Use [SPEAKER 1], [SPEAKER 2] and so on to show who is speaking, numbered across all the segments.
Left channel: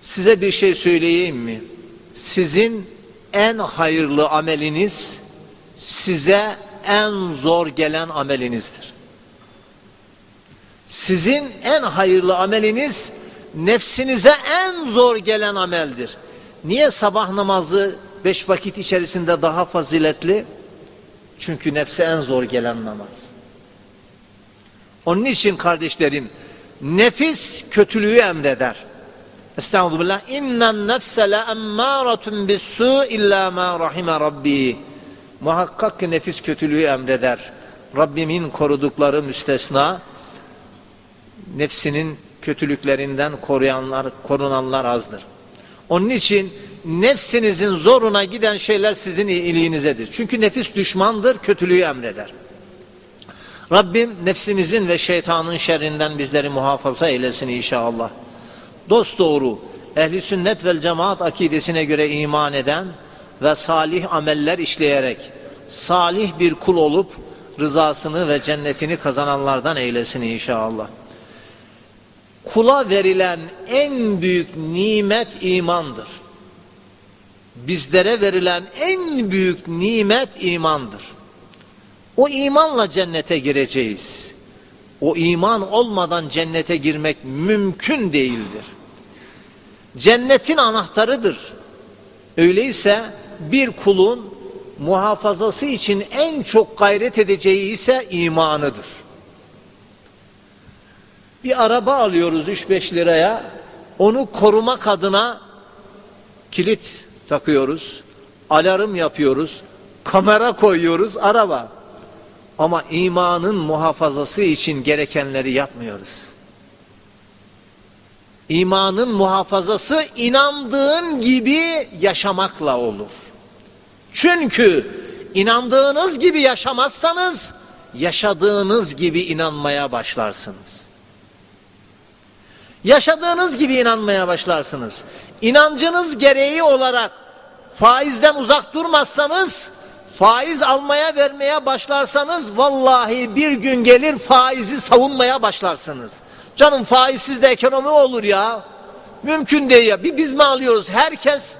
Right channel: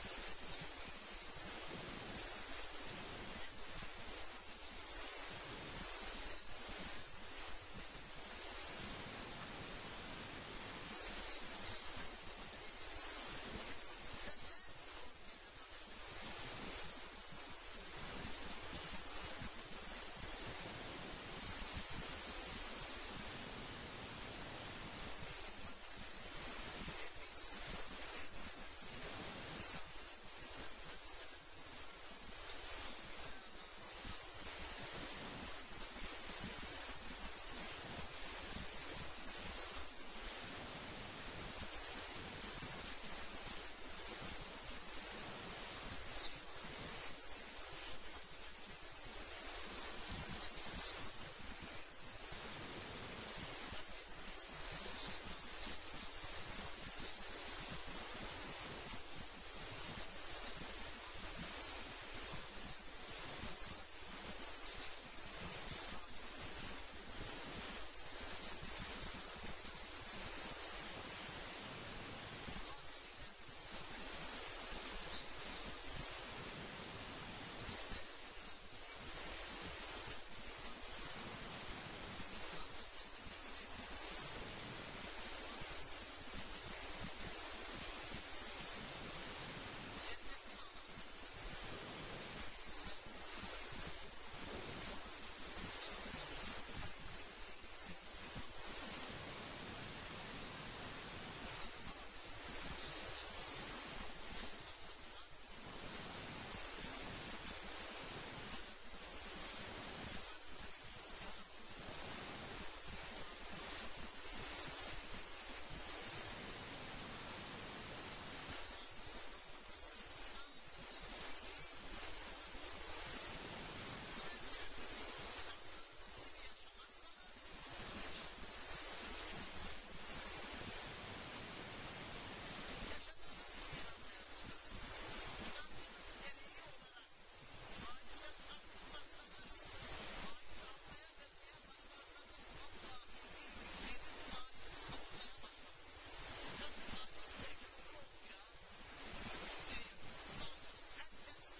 [SPEAKER 1] Size bir şey söyleyeyim mi? Sizin en hayırlı ameliniz size en zor gelen amelinizdir. Sizin en hayırlı ameliniz nefsinize en zor gelen ameldir. Niye sabah namazı beş vakit içerisinde daha faziletli? Çünkü nefse en zor gelen namaz. Onun için kardeşlerim nefis kötülüğü emreder. Estağfurullah. İnnen nefse le emmâratun bis-sû illa ma rahime rabbi. Muhakkak ki nefis kötülüğü emreder. Rabbimin korudukları müstesna nefsinin kötülüklerinden koruyanlar, korunanlar azdır. Onun için nefsinizin zoruna giden şeyler sizin iyiliğinizedir. Çünkü nefis düşmandır, kötülüğü emreder. Rabbim nefsimizin ve şeytanın şerrinden bizleri muhafaza eylesin inşallah. Dost doğru, ehli sünnet vel cemaat akidesine göre iman eden ve salih ameller işleyerek salih bir kul olup rızasını ve cennetini kazananlardan eylesin inşallah. Kula verilen en büyük nimet imandır. Bizlere verilen en büyük nimet imandır. O imanla cennete gireceğiz. O iman olmadan cennete girmek mümkün değildir. Cennetin anahtarıdır. Öyleyse bir kulun muhafazası için en çok gayret edeceği ise imanıdır. Bir araba alıyoruz 3-5 liraya. Onu korumak adına kilit takıyoruz. Alarm yapıyoruz. Kamera koyuyoruz araba. Ama imanın muhafazası için gerekenleri yapmıyoruz. İmanın muhafazası inandığın gibi yaşamakla olur. Çünkü inandığınız gibi yaşamazsanız yaşadığınız gibi inanmaya başlarsınız. Yaşadığınız gibi inanmaya başlarsınız. İnancınız gereği olarak faizden uzak durmazsanız faiz almaya vermeye başlarsanız vallahi bir gün gelir faizi savunmaya başlarsınız. Canım faizsiz de ekonomi olur ya. Mümkün değil ya. Bir biz mi alıyoruz? Herkes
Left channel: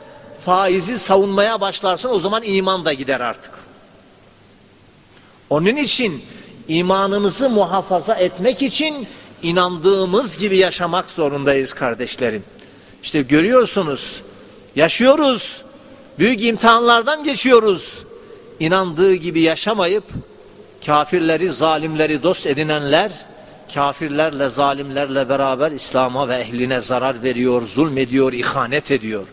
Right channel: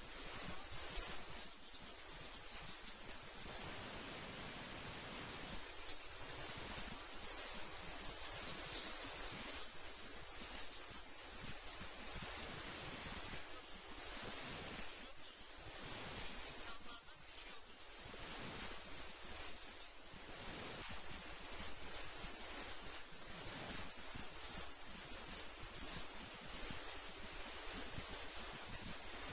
[SPEAKER 1] faizi savunmaya başlarsın o zaman iman da gider artık. Onun için imanımızı muhafaza etmek için inandığımız gibi yaşamak zorundayız kardeşlerim. İşte görüyorsunuz, yaşıyoruz, büyük imtihanlardan geçiyoruz. İnandığı gibi yaşamayıp kafirleri, zalimleri dost edinenler, kafirlerle, zalimlerle beraber İslam'a ve ehline zarar veriyor, zulmediyor, ihanet ediyor.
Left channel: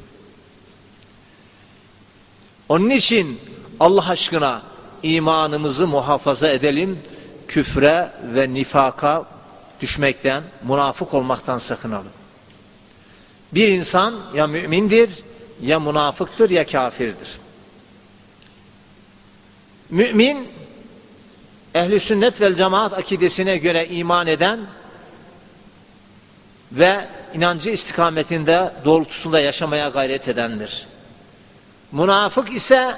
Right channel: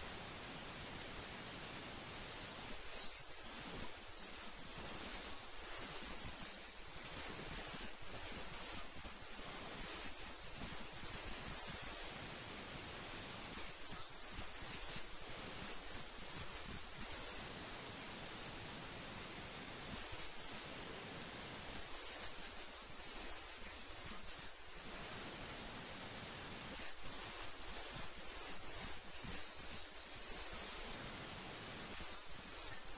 [SPEAKER 1] Onun için Allah aşkına imanımızı muhafaza edelim, küfre ve nifaka düşmekten, münafık olmaktan sakınalım. Bir insan ya mümindir, ya münafıktır, ya kafirdir. Mümin, ehli sünnet vel cemaat akidesine göre iman eden ve inancı istikametinde doğrultusunda yaşamaya gayret edendir. Münafık ise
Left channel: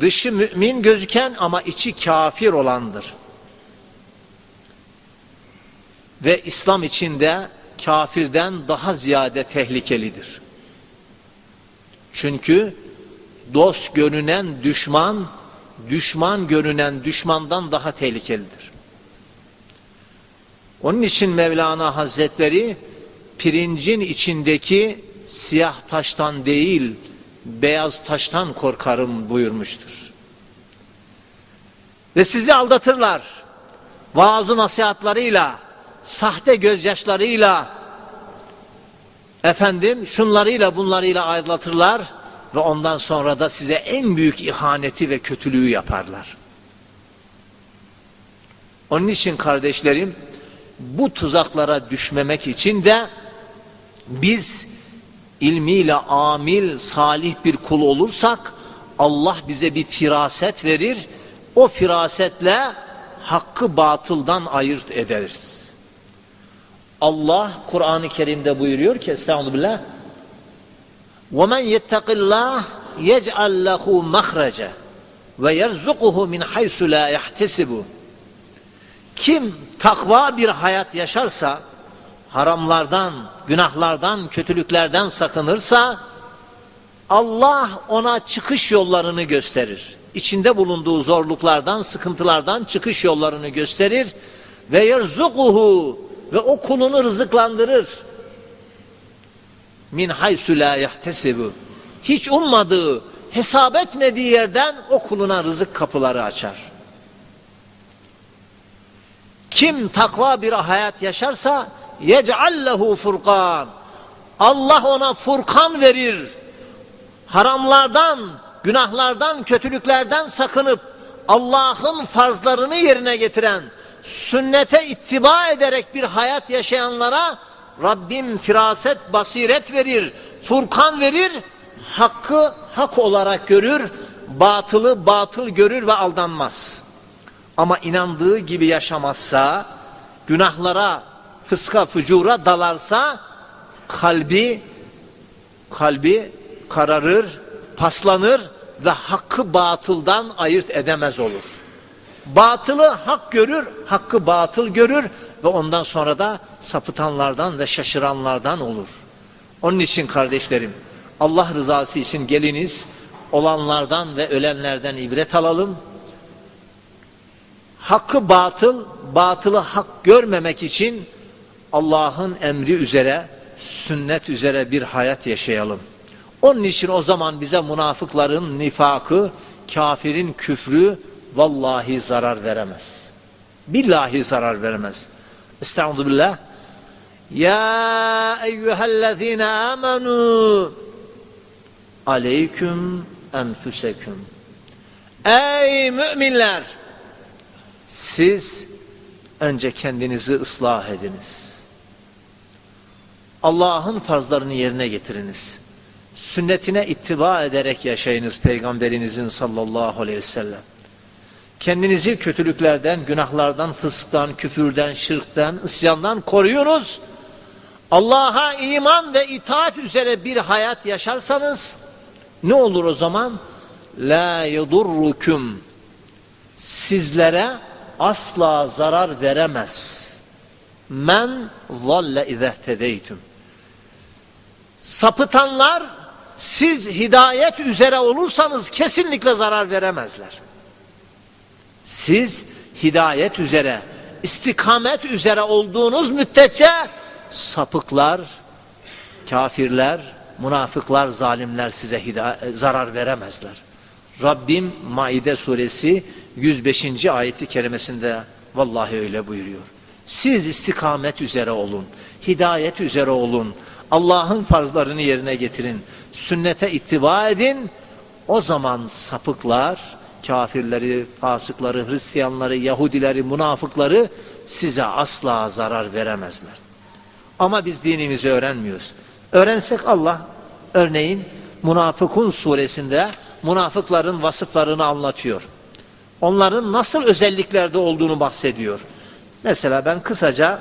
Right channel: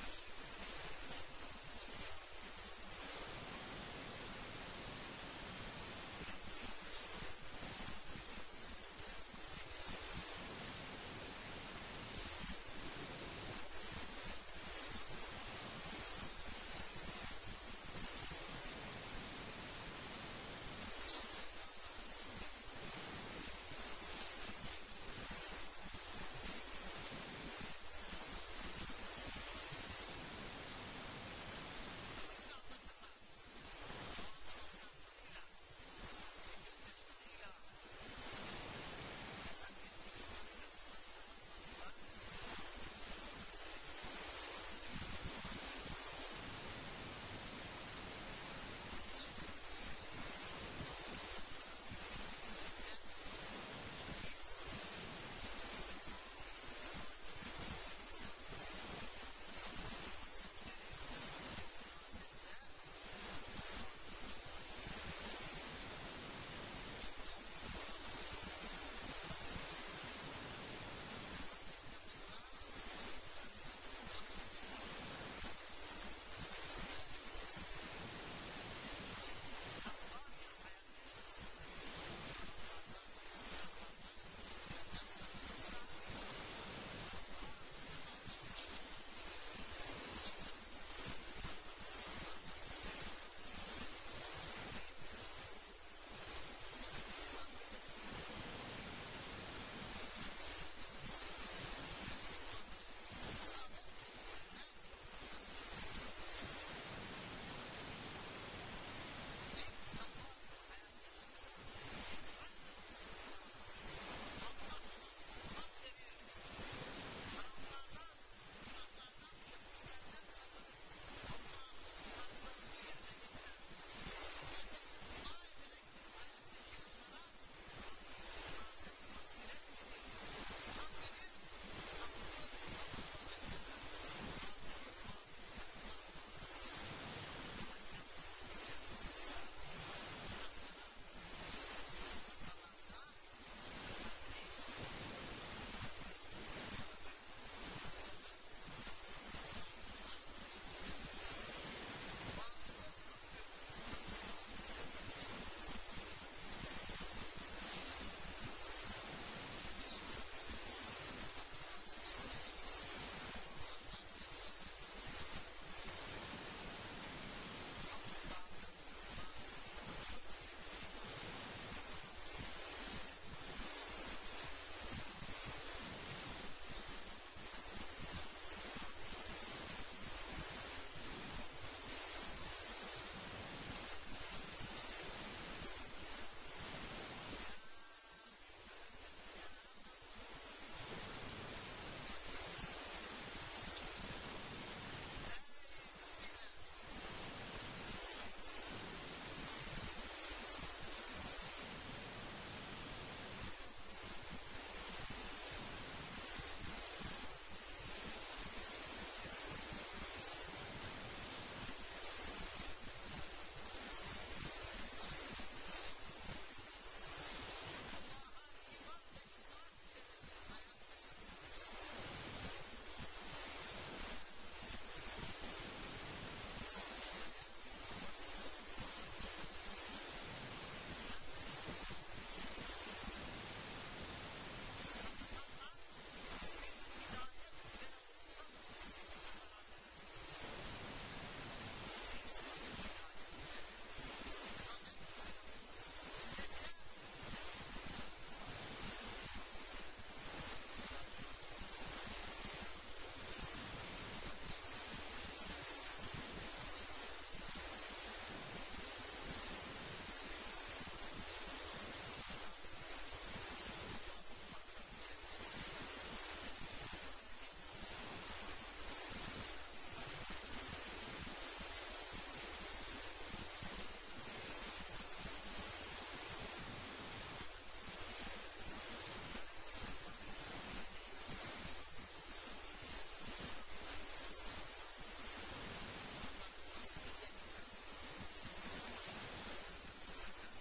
[SPEAKER 1] dışı mümin gözüken ama içi kafir olandır. Ve İslam içinde kafirden daha ziyade tehlikelidir. Çünkü dost görünen düşman, düşman görünen düşmandan daha tehlikelidir. Onun için Mevlana Hazretleri pirincin içindeki siyah taştan değil, beyaz taştan korkarım buyurmuştur. Ve sizi aldatırlar. Vaazı nasihatlarıyla, sahte gözyaşlarıyla, efendim şunlarıyla bunlarıyla aldatırlar ve ondan sonra da size en büyük ihaneti ve kötülüğü yaparlar. Onun için kardeşlerim, bu tuzaklara düşmemek için de biz ilmiyle amil, salih bir kul olursak Allah bize bir firaset verir. O firasetle hakkı batıldan ayırt ederiz. Allah Kur'an-ı Kerim'de buyuruyor ki Estağfirullah وَمَنْ يَتَّقِ اللّٰهِ يَجْعَلْ لَهُ مَخْرَجًا وَيَرْزُقُهُ مِنْ حَيْسُ لَا يَحْتَسِبُ Kim takva bir hayat yaşarsa haramlardan, günahlardan, kötülüklerden sakınırsa Allah ona çıkış yollarını gösterir. İçinde bulunduğu zorluklardan, sıkıntılardan çıkış yollarını gösterir ve yerzukuhu ve o kulunu rızıklandırır. Min haysu la yahtesibu. Hiç ummadığı, hesap etmediği yerden o kuluna rızık kapıları açar. Kim takva bir hayat yaşarsa yec'allehu furkan. Allah ona furkan verir. Haramlardan, günahlardan, kötülüklerden sakınıp Allah'ın farzlarını yerine getiren, sünnete ittiba ederek bir hayat yaşayanlara Rabbim firaset, basiret verir, furkan verir, hakkı hak olarak görür, batılı batıl görür ve aldanmaz. Ama inandığı gibi yaşamazsa, günahlara, fıska, fücura dalarsa kalbi kalbi kararır, paslanır ve hakkı batıldan ayırt edemez olur. Batılı hak görür, hakkı batıl görür ve ondan sonra da sapıtanlardan ve şaşıranlardan olur. Onun için kardeşlerim, Allah rızası için geliniz, olanlardan ve ölenlerden ibret alalım. Hakkı batıl, batılı hak görmemek için Allah'ın emri üzere, sünnet üzere bir hayat yaşayalım. Onun için o zaman bize münafıkların nifakı, kafirin küfrü vallahi zarar veremez. Billahi zarar veremez. Estaizu billah. Ya eyyühellezine amenu aleyküm enfüseküm. Ey müminler! Siz önce kendinizi ıslah ediniz. Allah'ın farzlarını yerine getiriniz. Sünnetine ittiba ederek yaşayınız Peygamberinizin sallallahu aleyhi ve sellem. Kendinizi kötülüklerden, günahlardan, fısktan, küfürden, şirkten, isyandan koruyunuz. Allah'a iman ve itaat üzere bir hayat yaşarsanız ne olur o zaman? La yedurrukum sizlere asla zarar veremez. Men zalle izehtedeytüm. Sapıtanlar siz hidayet üzere olursanız kesinlikle zarar veremezler. Siz hidayet üzere, istikamet üzere olduğunuz müddetçe sapıklar, kafirler, münafıklar, zalimler size hida- zarar veremezler. Rabbim Maide suresi 105. ayeti kerimesinde vallahi öyle buyuruyor. Siz istikamet üzere olun, hidayet üzere olun, Allah'ın farzlarını yerine getirin, sünnete ittiba edin. O zaman sapıklar, kafirleri, fasıkları, Hristiyanları, Yahudileri, münafıkları size asla zarar veremezler. Ama biz dinimizi öğrenmiyoruz. Öğrensek Allah örneğin Münafıkun suresinde münafıkların vasıflarını anlatıyor. Onların nasıl özelliklerde olduğunu bahsediyor. Mesela ben kısaca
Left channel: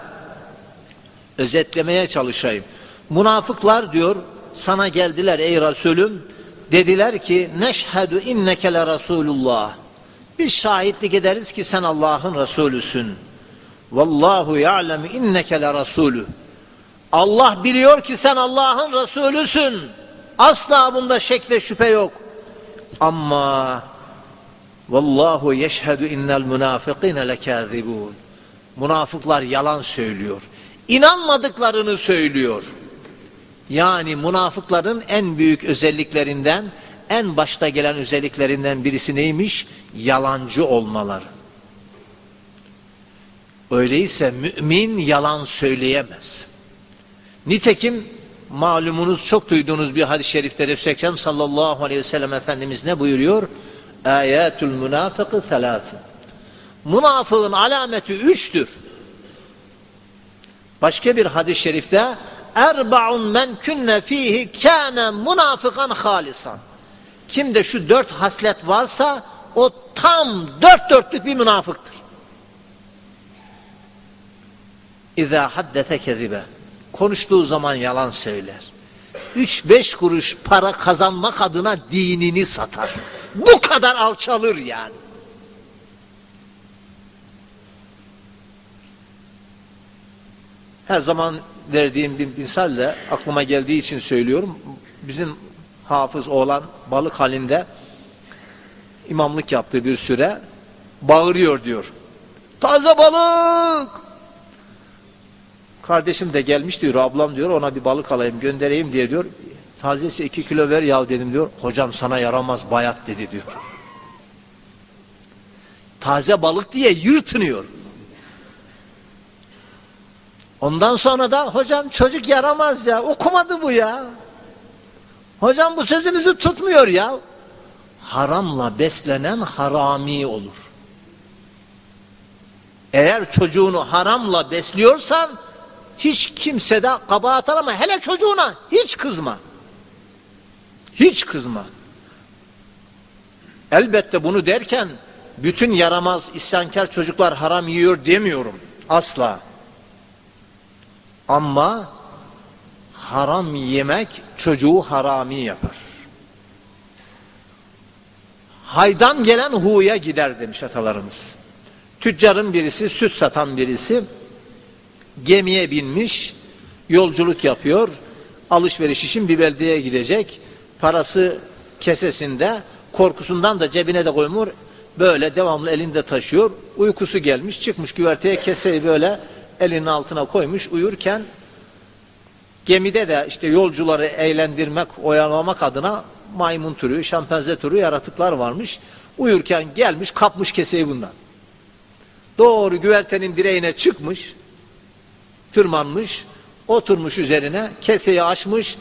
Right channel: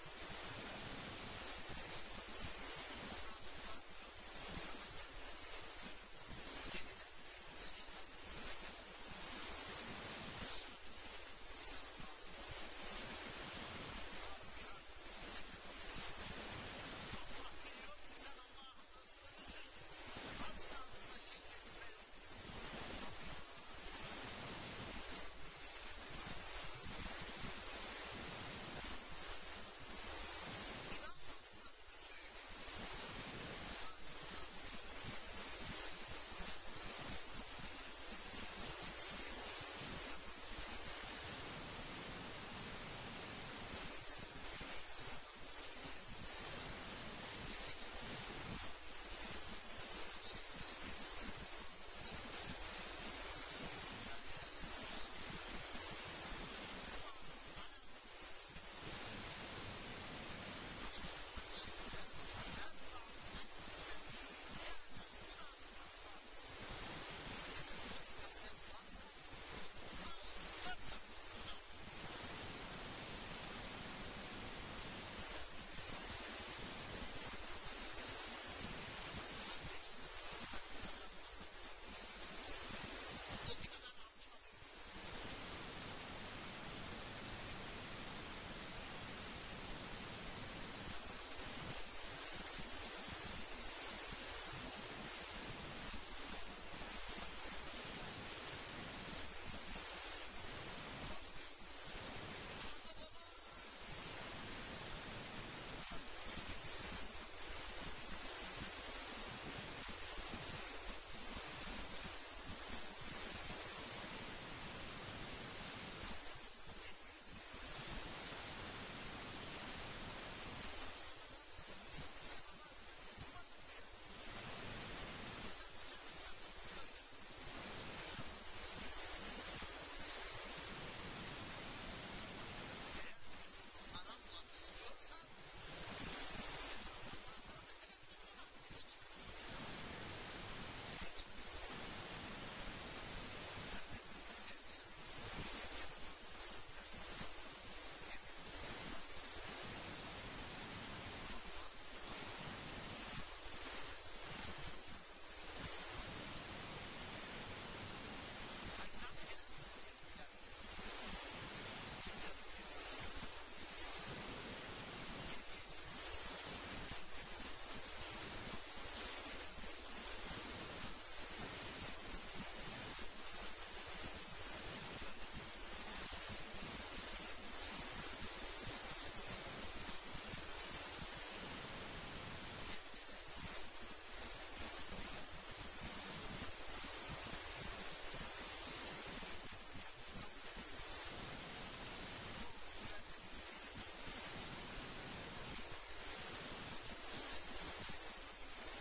[SPEAKER 1] özetlemeye çalışayım. Münafıklar diyor sana geldiler ey Resulüm dediler ki neşhedü inneke le Resulullah. Biz şahitlik ederiz ki sen Allah'ın Resulüsün. Vallahu ya'lemu inneke le Resulü. Allah biliyor ki sen Allah'ın Resulüsün. Asla bunda şek ve şüphe yok. Ama vallahu yeşhedü innel münafıkine lekâzibûn. Münafıklar yalan söylüyor. İnanmadıklarını söylüyor. Yani münafıkların en büyük özelliklerinden, en başta gelen özelliklerinden birisi neymiş? Yalancı olmaları. Öyleyse mümin yalan söyleyemez. Nitekim malumunuz çok duyduğunuz bir hadis-i şerifte Ekrem sallallahu aleyhi ve sellem Efendimiz ne buyuruyor? Ayatul münafıkı thalatın. Münafığın alameti üçtür. Başka bir hadis-i şerifte Erba'un men künne fihi kâne münafıkan halisan. Kimde şu dört haslet varsa o tam dört dörtlük bir münafıktır. İzâ haddete kezibe. Konuştuğu zaman yalan söyler. Üç beş kuruş para kazanmak adına dinini satar. Bu kadar alçalır yani. Her zaman verdiğim bir misal de aklıma geldiği için söylüyorum. Bizim hafız oğlan balık halinde imamlık yaptığı bir süre bağırıyor diyor. Taze balık! Kardeşim de gelmiş diyor, ablam diyor ona bir balık alayım göndereyim diye diyor. Tazesi iki kilo ver ya dedim diyor. Hocam sana yaramaz bayat dedi diyor. Taze balık diye yırtınıyor. Ondan sonra da hocam çocuk yaramaz ya okumadı bu ya. Hocam bu sözümüzü tutmuyor ya. Haramla beslenen harami olur. Eğer çocuğunu haramla besliyorsan hiç kimse de kabahat arama. Hele çocuğuna hiç kızma. Hiç kızma. Elbette bunu derken bütün yaramaz isyankar çocuklar haram yiyor demiyorum. Asla. Ama haram yemek çocuğu harami yapar. Haydan gelen huya gider demiş atalarımız. Tüccarın birisi, süt satan birisi gemiye binmiş, yolculuk yapıyor. Alışveriş için bir beldeye gidecek. Parası kesesinde, korkusundan da cebine de koymuyor. Böyle devamlı elinde taşıyor. Uykusu gelmiş, çıkmış güverteye keseyi böyle elinin altına koymuş. Uyurken gemide de işte yolcuları eğlendirmek, oyalamak adına maymun türü, şempanze türü yaratıklar varmış. Uyurken gelmiş, kapmış keseyi bundan. Doğru güvertenin direğine çıkmış, tırmanmış, oturmuş üzerine, keseyi açmış,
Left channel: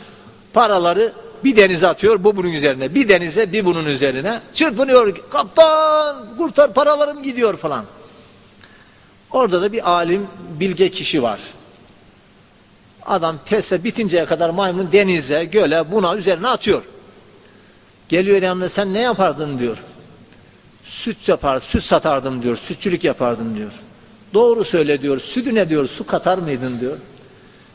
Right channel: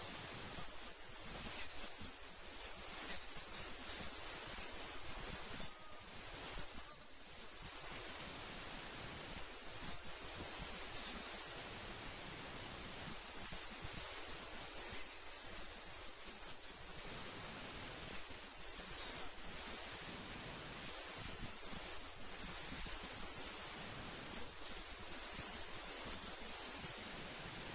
[SPEAKER 1] paraları bir denize atıyor, bu bunun üzerine, bir denize, bir bunun üzerine, çırpınıyor, kaptan kurtar paralarım gidiyor falan. Orada da bir alim, bilge kişi var. Adam pese bitinceye kadar maymun denize, göle, buna üzerine atıyor. Geliyor yanına sen ne yapardın diyor. Süt yapar, süt satardım diyor, sütçülük yapardım diyor. Doğru söyle diyor, sütüne diyor, su katar mıydın diyor.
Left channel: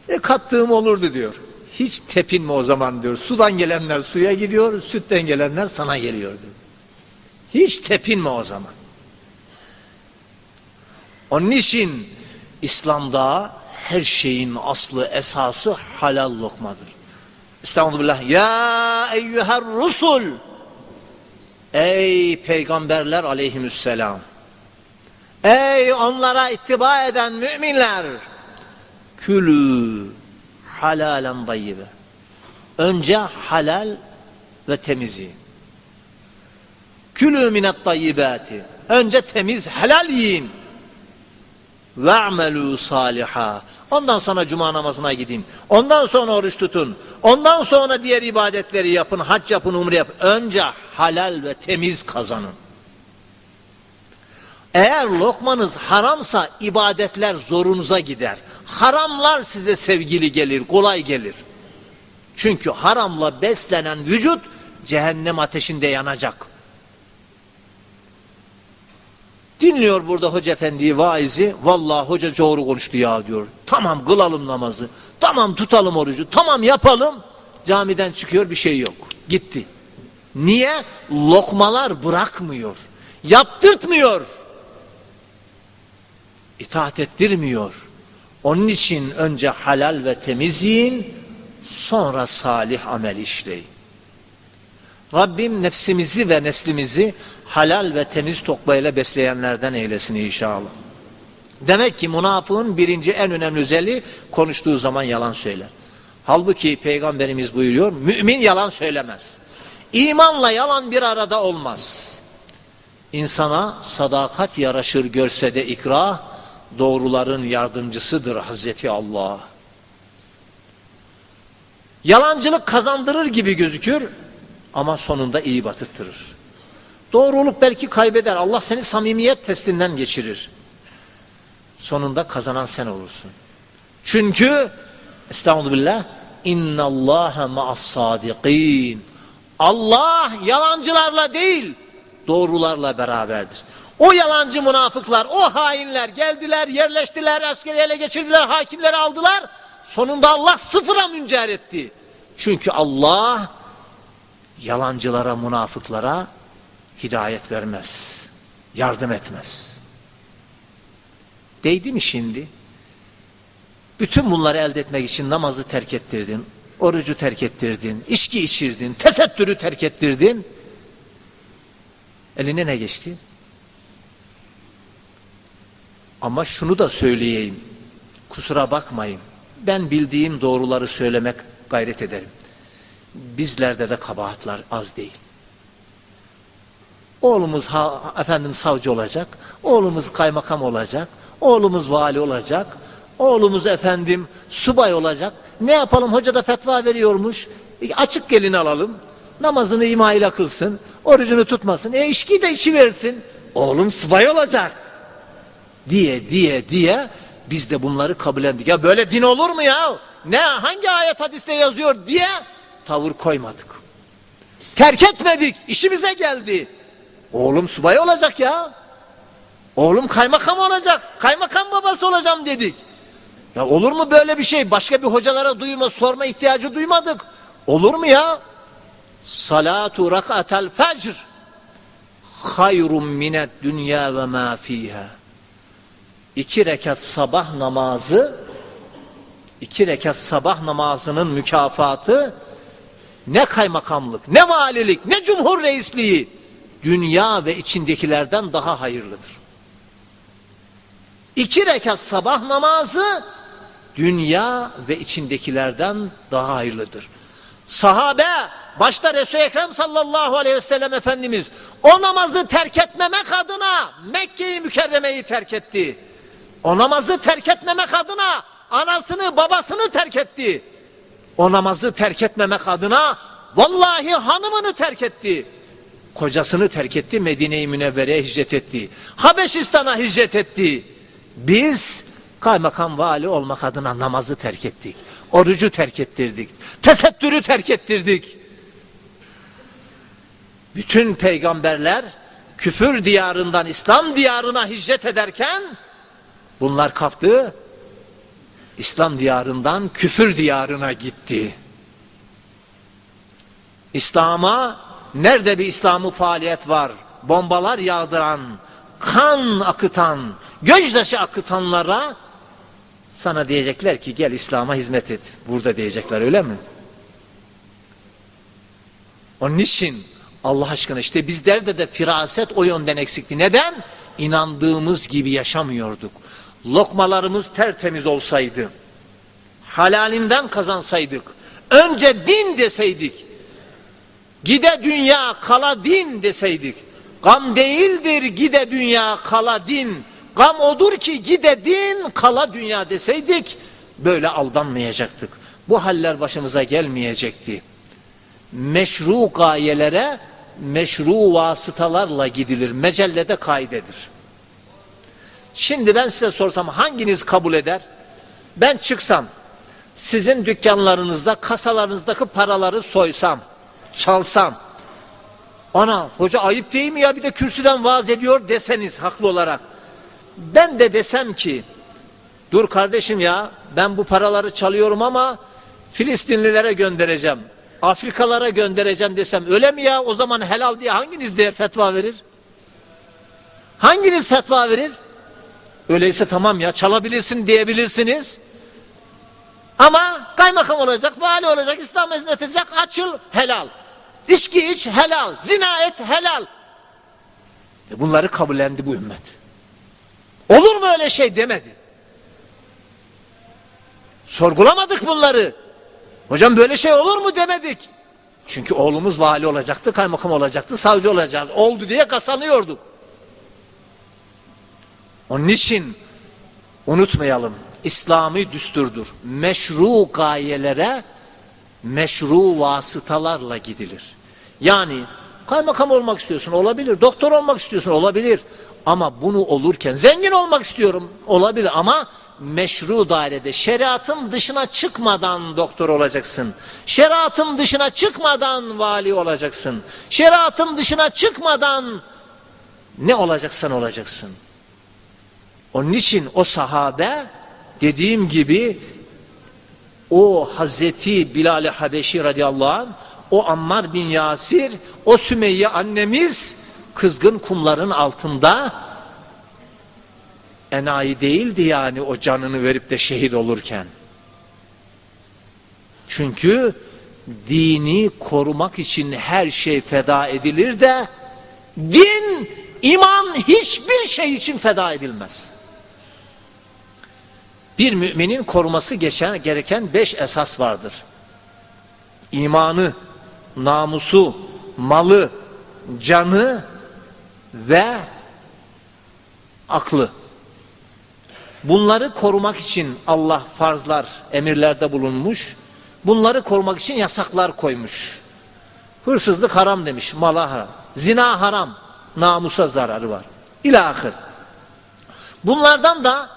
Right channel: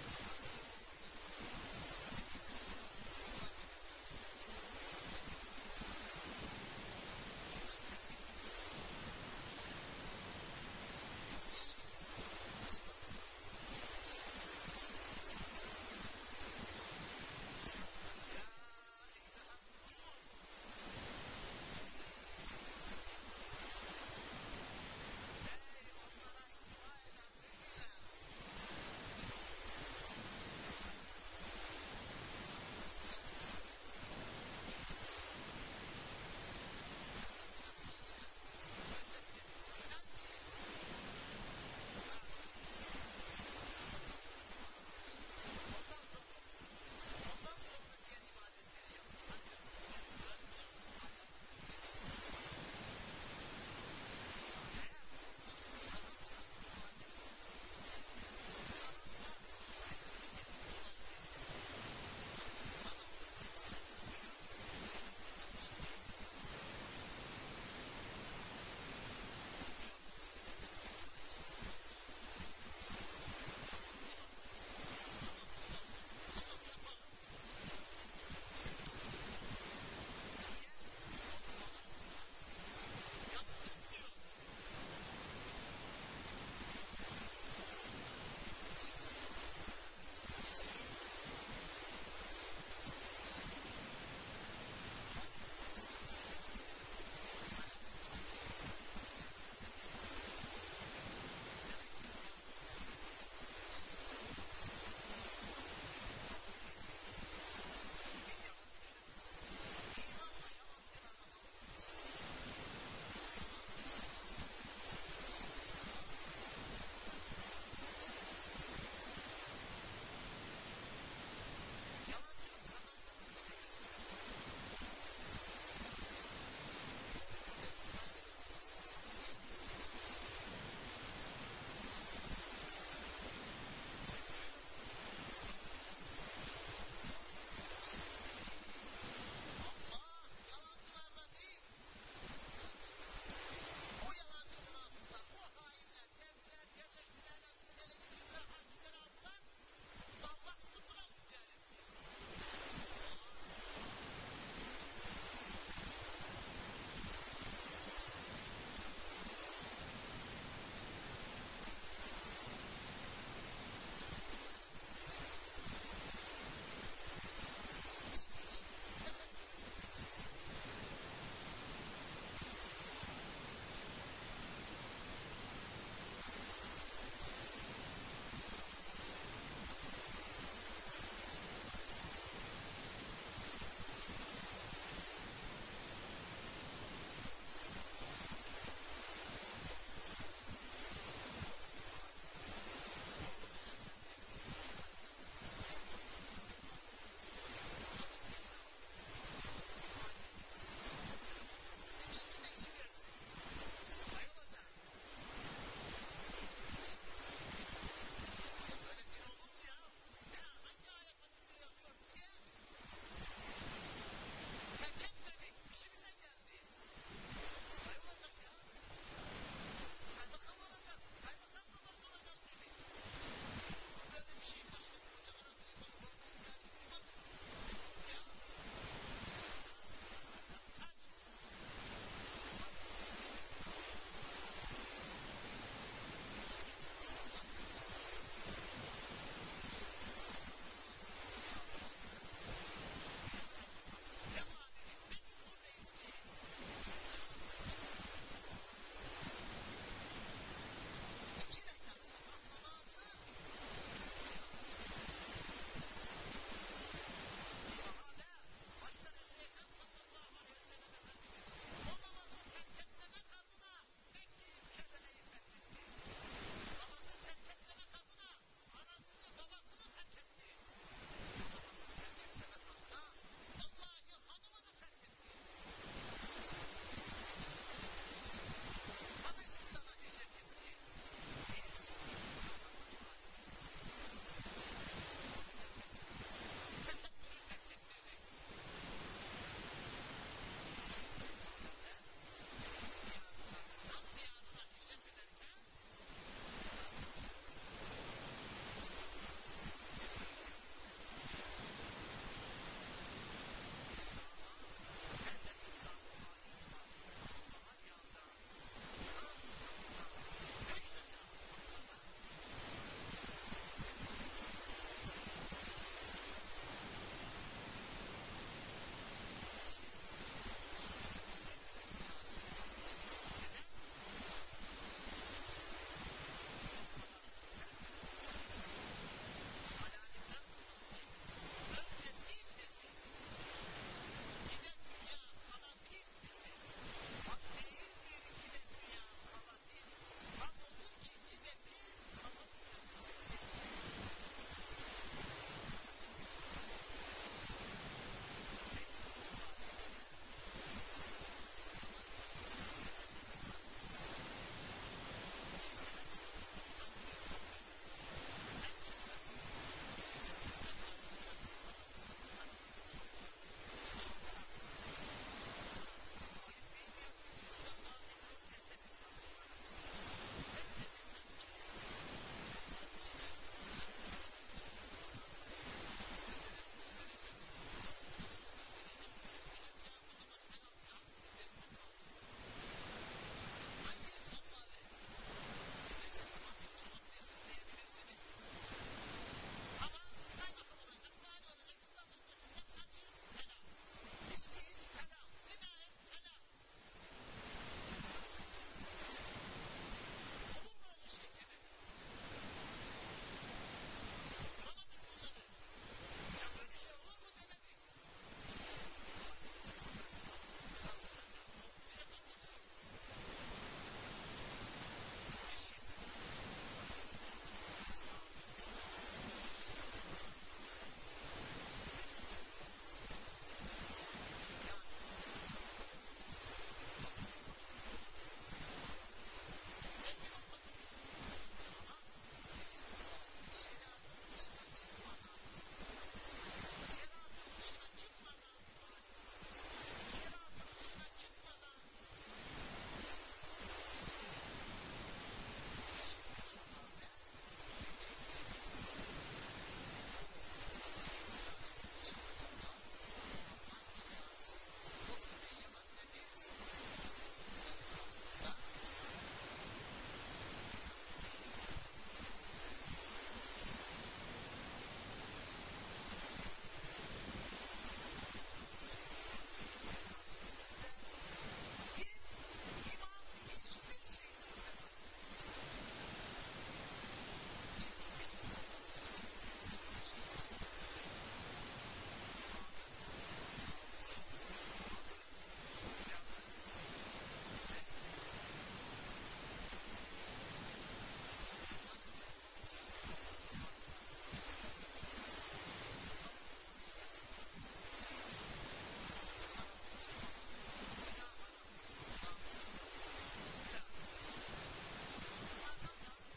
[SPEAKER 1] E kattığım olurdu diyor. Hiç tepinme o zaman diyor. Sudan gelenler suya gidiyor, sütten gelenler sana geliyor diyor. Hiç tepinme o zaman. Onun için İslam'da her şeyin aslı esası halal lokmadır. Estağfurullah. Ya eyyüher rusul. Ey peygamberler aleyhisselam. Ey onlara ittiba eden müminler. Külü halalen dayyibe. Önce halal ve temizi. Külü minet dayyibati. Önce temiz helal yiyin. Ve'melû saliha. Ondan sonra cuma namazına gidin. Ondan sonra oruç tutun. Ondan sonra diğer ibadetleri yapın. Hac yapın, umre yapın. Önce halal ve temiz kazanın. Eğer lokmanız haramsa ibadetler zorunuza gider. Haramlar size sevgili gelir, kolay gelir. Çünkü haramla beslenen vücut cehennem ateşinde yanacak. Dinliyor burada hoca efendiyi vaizi. Vallahi hoca doğru konuştu ya diyor. Tamam kılalım namazı. Tamam tutalım orucu. Tamam yapalım. Camiden çıkıyor bir şey yok. Gitti. Niye? Lokmalar bırakmıyor. Yaptırtmıyor. İtaat ettirmiyor. Onun için önce halal ve temiz yiyin, sonra salih amel işleyin. Rabbim nefsimizi ve neslimizi halal ve temiz tokbayla besleyenlerden eylesin inşallah. Demek ki münafığın birinci en önemli özelliği konuştuğu zaman yalan söyler. Halbuki peygamberimiz buyuruyor, mümin yalan söylemez. İmanla yalan bir arada olmaz. İnsana sadakat yaraşır görse de ikrah, doğruların yardımcısıdır Hazreti Allah. Yalancılık kazandırır gibi gözükür ama sonunda iyi batıttırır. Doğruluk belki kaybeder. Allah seni samimiyet testinden geçirir. Sonunda kazanan sen olursun. Çünkü Estağfirullah İnna Allaha ma'as sadikin. Allah yalancılarla değil, doğrularla beraberdir. O yalancı münafıklar, o hainler geldiler, yerleştiler, askeri ele geçirdiler, hakimleri aldılar. Sonunda Allah sıfıra müncer etti. Çünkü Allah yalancılara, münafıklara hidayet vermez. Yardım etmez. Değdi mi şimdi? Bütün bunları elde etmek için namazı terk ettirdin, orucu terk ettirdin, içki içirdin, tesettürü terk ettirdin. Eline ne geçti? Ama şunu da söyleyeyim. Kusura bakmayın. Ben bildiğim doğruları söylemek gayret ederim. Bizlerde de kabahatler az değil. Oğlumuz ha, efendim savcı olacak, oğlumuz kaymakam olacak, oğlumuz vali olacak, oğlumuz efendim subay olacak. Ne yapalım hoca da fetva veriyormuş. E, açık gelin alalım. Namazını ima ile kılsın, orucunu tutmasın. E içki de içi versin. Oğlum subay olacak. Diye diye diye biz de bunları kabullendik. Ya böyle din olur mu ya? Ne hangi ayet hadiste yazıyor diye tavır koymadık. Terk etmedik. işimize geldi. Oğlum subay olacak ya. Oğlum kaymakam olacak. Kaymakam babası olacağım dedik. Ya olur mu böyle bir şey? Başka bir hocalara duyma, sorma ihtiyacı duymadık. Olur mu ya? Salatu rak'atel fecr hayrun minet dünya ve ma fiha. İki rekat sabah namazı iki rekat sabah namazının mükafatı ne kaymakamlık, ne valilik, ne cumhur reisliği dünya ve içindekilerden daha hayırlıdır. İki rekat sabah namazı dünya ve içindekilerden daha hayırlıdır. Sahabe başta Resul-i Ekrem sallallahu aleyhi ve sellem Efendimiz o namazı terk etmemek adına Mekke'yi mükerremeyi terk etti. O namazı terk etmemek adına anasını babasını terk etti. O namazı terk etmemek adına vallahi hanımını terk etti. Kocasını terk etti Medine-i Münevvere'ye hicret etti. Habeşistan'a hicret etti. Biz kaymakam vali olmak adına namazı terk ettik. Orucu terk ettirdik. Tesettürü terk ettirdik. Bütün peygamberler küfür diyarından İslam diyarına hicret ederken bunlar kalktı İslam diyarından küfür diyarına gitti. İslam'a nerede bir İslam'ı faaliyet var? Bombalar yağdıran, kan akıtan, gözyaşı akıtanlara sana diyecekler ki gel İslam'a hizmet et. Burada diyecekler öyle mi? Onun için Allah aşkına işte bizlerde de firaset o yönden eksikti. Neden? İnandığımız gibi yaşamıyorduk. Lokmalarımız tertemiz olsaydı, halalinden kazansaydık, önce din deseydik, gide dünya kala din deseydik, gam değildir gide dünya kala din, gam odur ki gide din kala dünya deseydik, böyle aldanmayacaktık. Bu haller başımıza gelmeyecekti. Meşru gayelere meşru vasıtalarla gidilir. Mecellede kaidedir. Şimdi ben size sorsam hanginiz kabul eder? Ben çıksam, sizin dükkanlarınızda, kasalarınızdaki paraları soysam, çalsam, ana hoca ayıp değil mi ya bir de kürsüden vaaz ediyor deseniz haklı olarak. Ben de desem ki, dur kardeşim ya ben bu paraları çalıyorum ama Filistinlilere göndereceğim. Afrikalara göndereceğim desem öyle mi ya o zaman helal diye hanginiz der fetva verir? Hanginiz fetva verir? Öyleyse tamam ya çalabilirsin diyebilirsiniz. Ama kaymakam olacak, vali olacak, İslam hizmet edecek, açıl helal. İçki iç helal, zina et helal. E bunları kabullendi bu ümmet. Olur mu öyle şey demedi. Sorgulamadık bunları. Hocam böyle şey olur mu demedik. Çünkü oğlumuz vali olacaktı, kaymakam olacaktı, savcı olacaktı. Oldu diye kasanıyorduk. Onun için unutmayalım. İslami düsturdur. Meşru gayelere meşru vasıtalarla gidilir. Yani kaymakam olmak istiyorsun olabilir. Doktor olmak istiyorsun olabilir. Ama bunu olurken zengin olmak istiyorum olabilir ama meşru dairede şeriatın dışına çıkmadan doktor olacaksın. Şeriatın dışına çıkmadan vali olacaksın. Şeriatın dışına çıkmadan ne olacaksan olacaksın. Onun için o sahabe dediğim gibi o Hazreti Bilal-i Habeşi radıyallahu anh, o Ammar bin Yasir, o Sümeyye annemiz kızgın kumların altında enayi değildi yani o canını verip de şehit olurken. Çünkü dini korumak için her şey feda edilir de din, iman hiçbir şey için feda edilmez. Bir müminin koruması gereken beş esas vardır. İmanı, namusu, malı, canı ve aklı. Bunları korumak için Allah farzlar, emirlerde bulunmuş. Bunları korumak için yasaklar koymuş. Hırsızlık haram demiş, mala haram. Zina haram, namusa zararı var. İlahir. Bunlardan da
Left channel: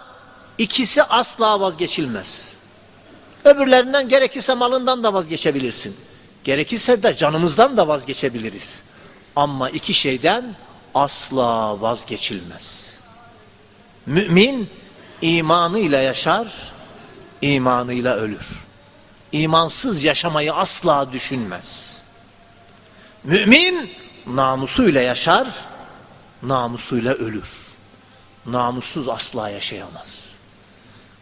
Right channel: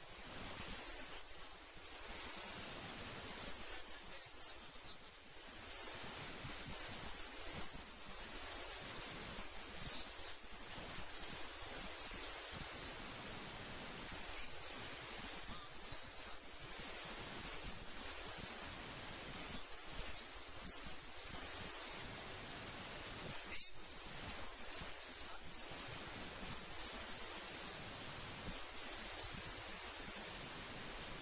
[SPEAKER 1] ikisi asla vazgeçilmez. Öbürlerinden gerekirse malından da vazgeçebilirsin. Gerekirse de canımızdan da vazgeçebiliriz. Ama iki şeyden asla vazgeçilmez. Mümin imanıyla yaşar, imanıyla ölür. İmansız yaşamayı asla düşünmez. Mümin namusuyla yaşar, namusuyla ölür. Namussuz asla yaşayamaz.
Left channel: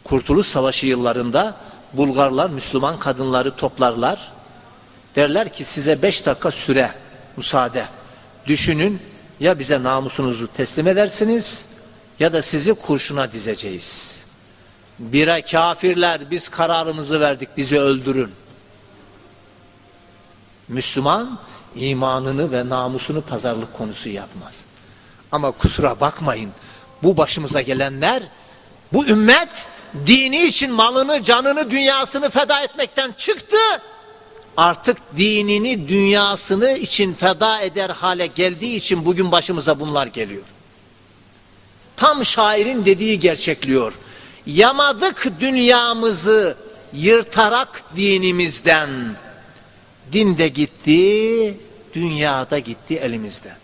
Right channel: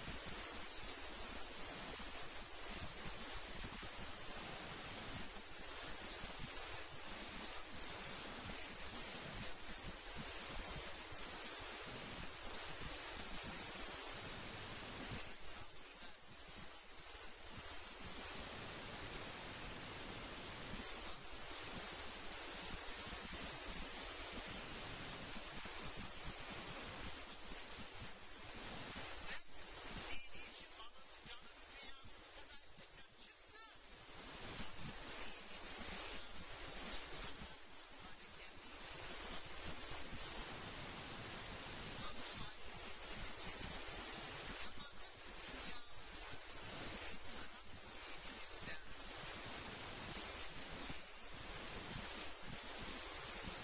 [SPEAKER 1] Kurtuluş Savaşı yıllarında Bulgarlar Müslüman kadınları toplarlar. Derler ki size beş dakika süre müsaade. Düşünün ya bize namusunuzu teslim edersiniz ya da sizi kurşuna dizeceğiz. Bire kafirler biz kararımızı verdik bizi öldürün. Müslüman imanını ve namusunu pazarlık konusu yapmaz. Ama kusura bakmayın bu başımıza gelenler bu ümmet dini için malını, canını, dünyasını feda etmekten çıktı. Artık dinini, dünyasını için feda eder hale geldiği için bugün başımıza bunlar geliyor. Tam şairin dediği gerçekliyor. Yamadık dünyamızı yırtarak dinimizden. Din de gitti, dünya da gitti elimizden.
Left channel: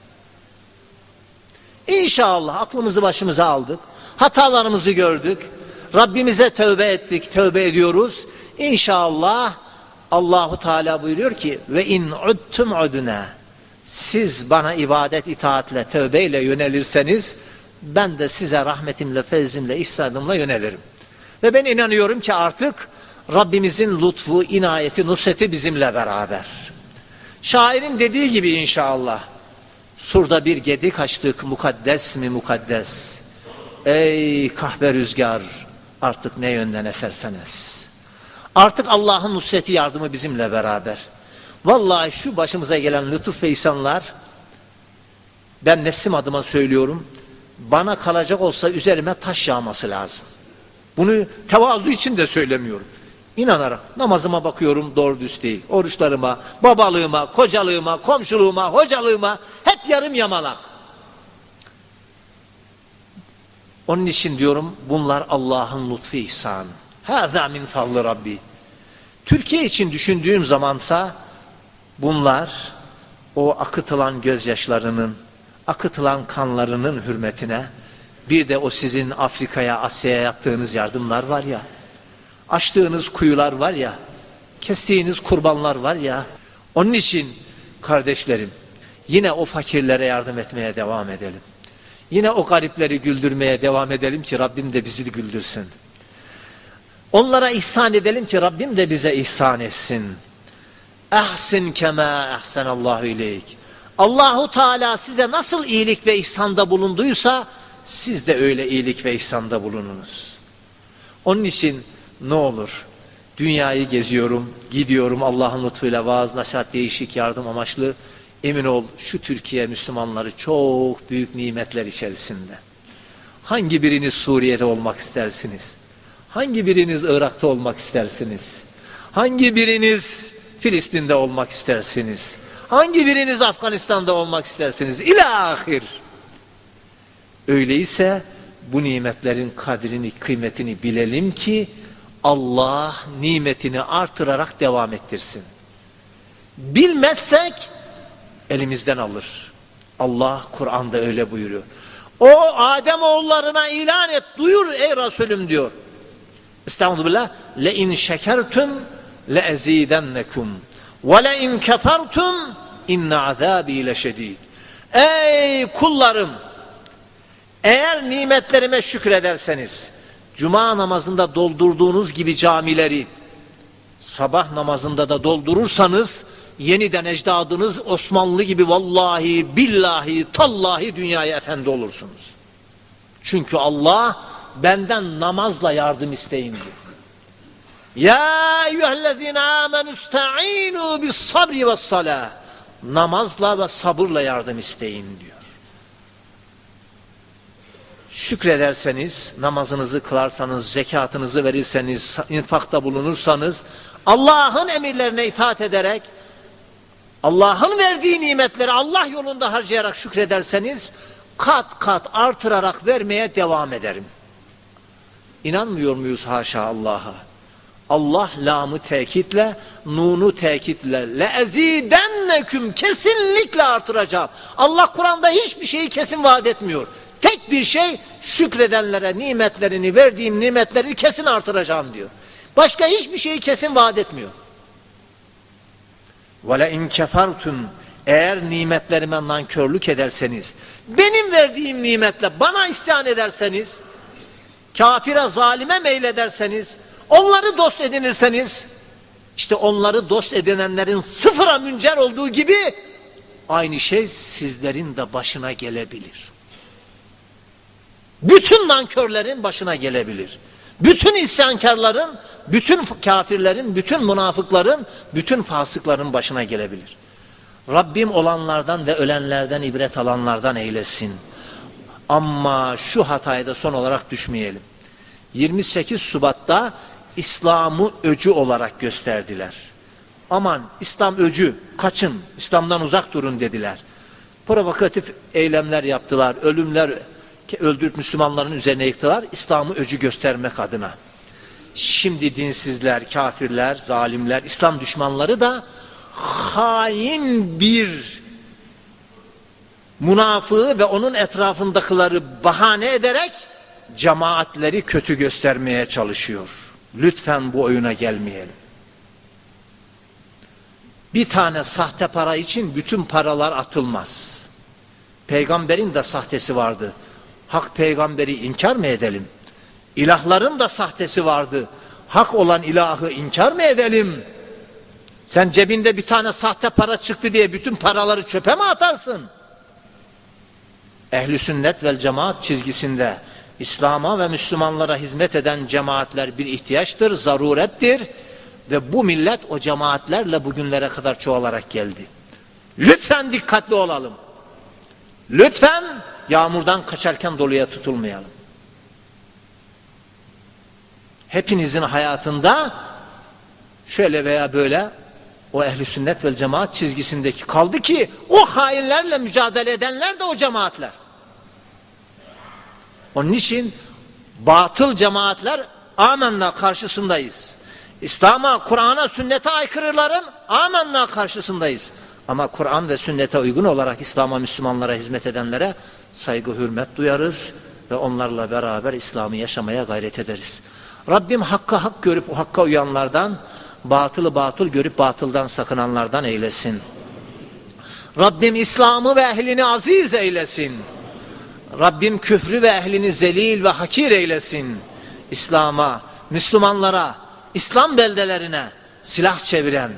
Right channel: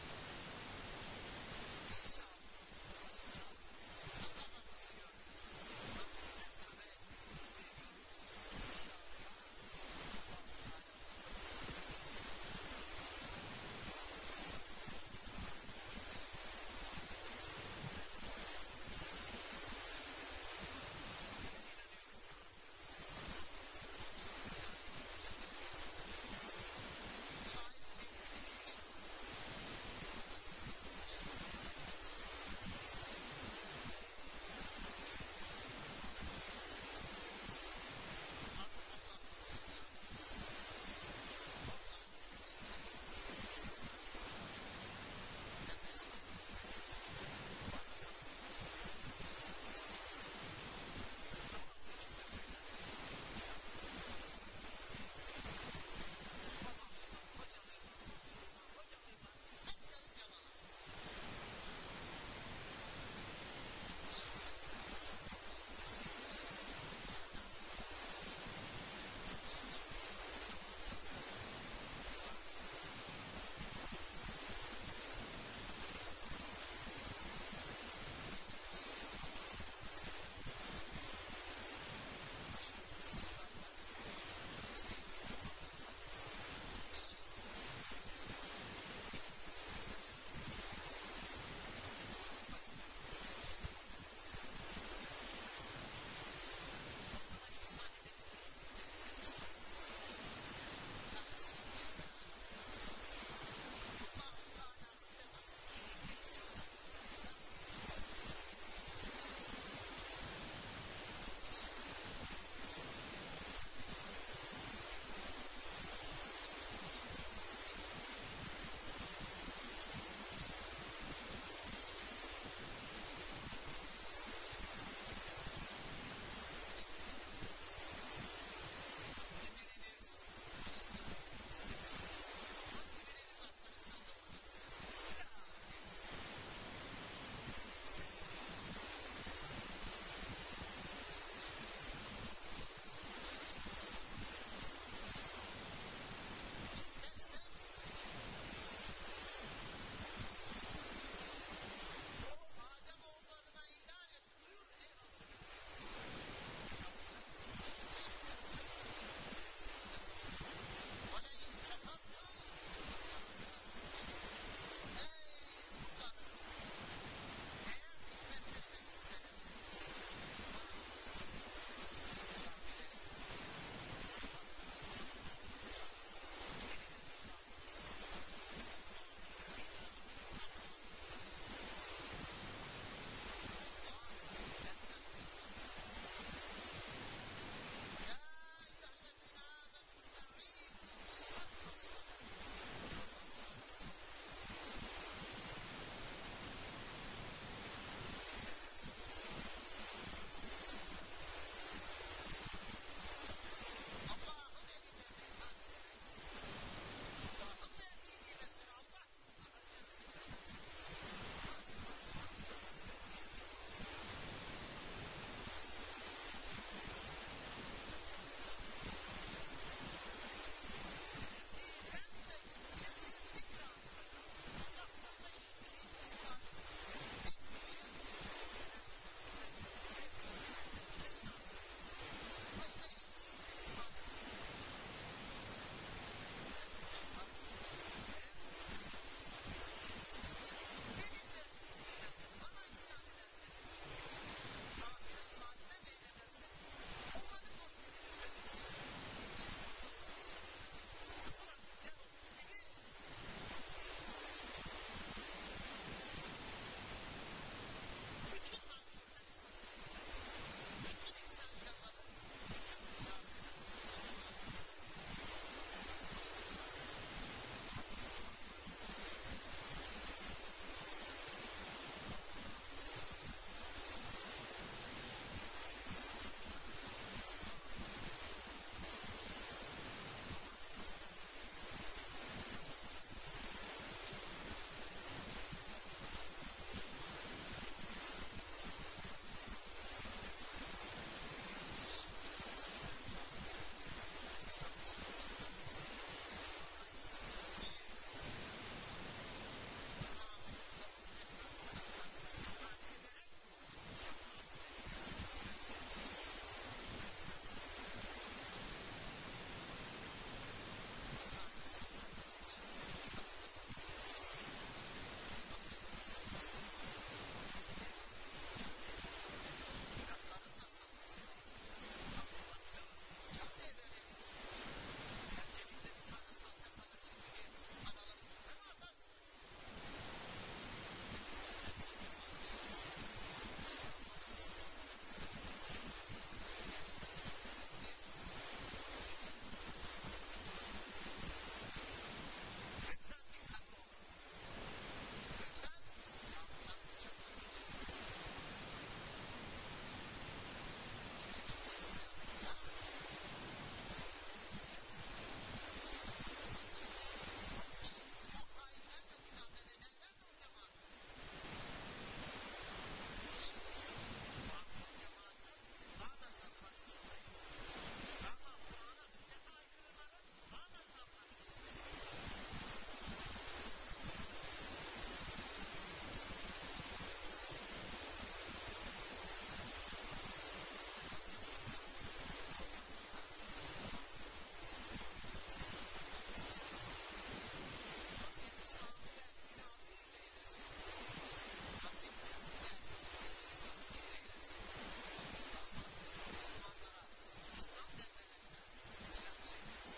[SPEAKER 1] İnşallah aklımızı başımıza aldık. Hatalarımızı gördük. Rabbimize tövbe ettik, tövbe ediyoruz. İnşallah Allahu Teala buyuruyor ki ve in udtum udna. Siz bana ibadet itaatle, tövbeyle yönelirseniz ben de size rahmetimle, fezlimle, ihsanımla yönelirim. Ve ben inanıyorum ki artık Rabbimizin lütfu, inayeti, nusreti bizimle beraber. Şairin dediği gibi inşallah. Surda bir gedik açtık mukaddes mi mukaddes. Ey kahve rüzgar artık ne yönden esersen es. Artık Allah'ın nusreti yardımı bizimle beraber. Vallahi şu başımıza gelen lütuf ve ihsanlar ben nefsim adıma söylüyorum. Bana kalacak olsa üzerime taş yağması lazım. Bunu tevazu için de söylemiyorum. İnanarak namazıma bakıyorum doğru düz değil. Oruçlarıma, babalığıma, kocalığıma, komşuluğuma, hocalığıma hep yarım yamalak. Onun için diyorum bunlar Allah'ın lütfu ihsan. Hâzâ min fadlı Rabbi. Türkiye için düşündüğüm zamansa bunlar o akıtılan gözyaşlarının, akıtılan kanlarının hürmetine bir de o sizin Afrika'ya, Asya'ya yaptığınız yardımlar var ya, açtığınız kuyular var ya, kestiğiniz kurbanlar var ya, onun için kardeşlerim yine o fakirlere yardım etmeye devam edelim. Yine o garipleri güldürmeye devam edelim ki Rabbim de bizi güldürsün. Onlara ihsan edelim ki Rabbim de bize ihsan etsin. Ehsin kema ehsenallahu ileyk. Allahu Teala size nasıl iyilik ve ihsanda bulunduysa siz de öyle iyilik ve ihsanda bulununuz. Onun için ne olur dünyayı geziyorum, gidiyorum Allah'ın lütfuyla vaaz, nasihat, değişik yardım amaçlı emin ol şu Türkiye Müslümanları çok büyük nimetler içerisinde. Hangi biriniz Suriye'de olmak istersiniz? Hangi biriniz Irak'ta olmak istersiniz? Hangi biriniz Filistin'de olmak istersiniz? Hangi biriniz Afganistan'da olmak istersiniz? İlahir. Öyleyse bu nimetlerin kadrini, kıymetini bilelim ki Allah nimetini artırarak devam ettirsin. Bilmezsek elimizden alır. Allah Kur'an'da öyle buyuruyor. O Adem oğullarına ilan et, duyur ey Resulüm diyor. Estağfirullah. Le in şekertum le ezidennekum ve le in kefertum inne azabi leşedid. Ey kullarım Eğer nimetlerime şükrederseniz, cuma namazında doldurduğunuz gibi camileri, sabah namazında da doldurursanız, yeniden ecdadınız Osmanlı gibi vallahi, billahi, tallahi dünyaya efendi olursunuz. Çünkü Allah benden namazla yardım isteyin diyor. Ya eyyühellezine amenü ista'inu bis sabri ve salah. Namazla ve sabırla yardım isteyin diyor. Şükrederseniz, namazınızı kılarsanız, zekatınızı verirseniz, infakta bulunursanız, Allah'ın emirlerine itaat ederek, Allah'ın verdiği nimetleri Allah yolunda harcayarak şükrederseniz, kat kat artırarak vermeye devam ederim. İnanmıyor muyuz haşa Allah'a? Allah lamı tekitle, nunu tekitle le ezidenneküm kesinlikle artıracağım. Allah Kur'an'da hiçbir şeyi kesin vaat etmiyor. Tek bir şey şükredenlere nimetlerini verdiğim nimetleri kesin artıracağım diyor. Başka hiçbir şeyi kesin vaat etmiyor. Ve in kefertum eğer nimetlerime nankörlük ederseniz, benim verdiğim nimetle bana isyan ederseniz, kafire zalime meylederseniz, onları dost edinirseniz, işte onları dost edinenlerin sıfıra müncer olduğu gibi, aynı şey sizlerin de başına gelebilir. Bütün nankörlerin başına gelebilir. Bütün isyankarların, bütün kafirlerin, bütün münafıkların, bütün fasıkların başına gelebilir. Rabbim olanlardan ve ölenlerden ibret alanlardan eylesin. Ama şu hataya da son olarak düşmeyelim. 28 Şubat'ta İslam'ı öcü olarak gösterdiler. Aman İslam öcü, kaçın, İslam'dan uzak durun dediler. Provokatif eylemler yaptılar, ölümler öldürüp Müslümanların üzerine yıktılar. İslam'ı öcü göstermek adına. Şimdi dinsizler, kafirler, zalimler, İslam düşmanları da hain bir münafığı ve onun etrafındakileri bahane ederek cemaatleri kötü göstermeye çalışıyor. Lütfen bu oyuna gelmeyelim. Bir tane sahte para için bütün paralar atılmaz. Peygamberin de sahtesi vardı. Hak peygamberi inkar mı edelim? İlahların da sahtesi vardı. Hak olan ilahı inkar mı edelim? Sen cebinde bir tane sahte para çıktı diye bütün paraları çöpe mi atarsın? Ehli sünnet vel cemaat çizgisinde İslam'a ve Müslümanlara hizmet eden cemaatler bir ihtiyaçtır, zarurettir ve bu millet o cemaatlerle bugünlere kadar çoğalarak geldi. Lütfen dikkatli olalım. Lütfen yağmurdan kaçarken doluya tutulmayalım. Hepinizin hayatında şöyle veya böyle o ehli sünnet vel cemaat çizgisindeki kaldı ki o hainlerle mücadele edenler de o cemaatler. Onun için batıl cemaatler amenna karşısındayız. İslam'a, Kur'an'a, sünnete aykırıların amenna karşısındayız. Ama Kur'an ve sünnete uygun olarak İslam'a, Müslümanlara hizmet edenlere saygı, hürmet duyarız ve onlarla beraber İslam'ı yaşamaya gayret ederiz. Rabbim hakka hak görüp o hakka uyanlardan, batılı batıl görüp batıldan sakınanlardan eylesin. Rabbim İslam'ı ve ehlini aziz eylesin. Rabbim küfrü ve ehlini zelil ve hakir eylesin. İslam'a, Müslümanlara, İslam beldelerine silah çeviren,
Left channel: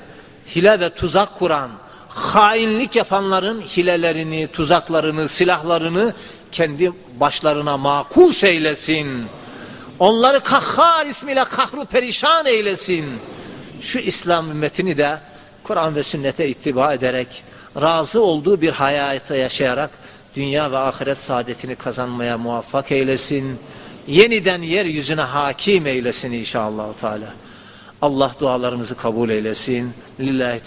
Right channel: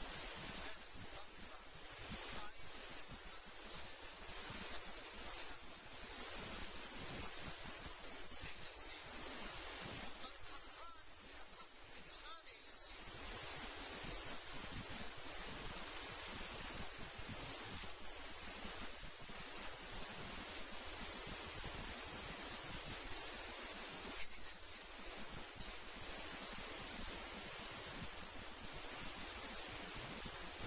[SPEAKER 1] hile ve tuzak kuran, hainlik yapanların hilelerini, tuzaklarını, silahlarını kendi başlarına makus eylesin. Onları kahhar ismiyle kahru perişan eylesin. Şu İslam ümmetini de Kur'an ve sünnete ittiba ederek, razı olduğu bir hayata yaşayarak dünya ve ahiret saadetini kazanmaya muvaffak eylesin. Yeniden yeryüzüne hakim eylesin inşallah Teala. Allah dualarımızı kabul eylesin. Lillahi.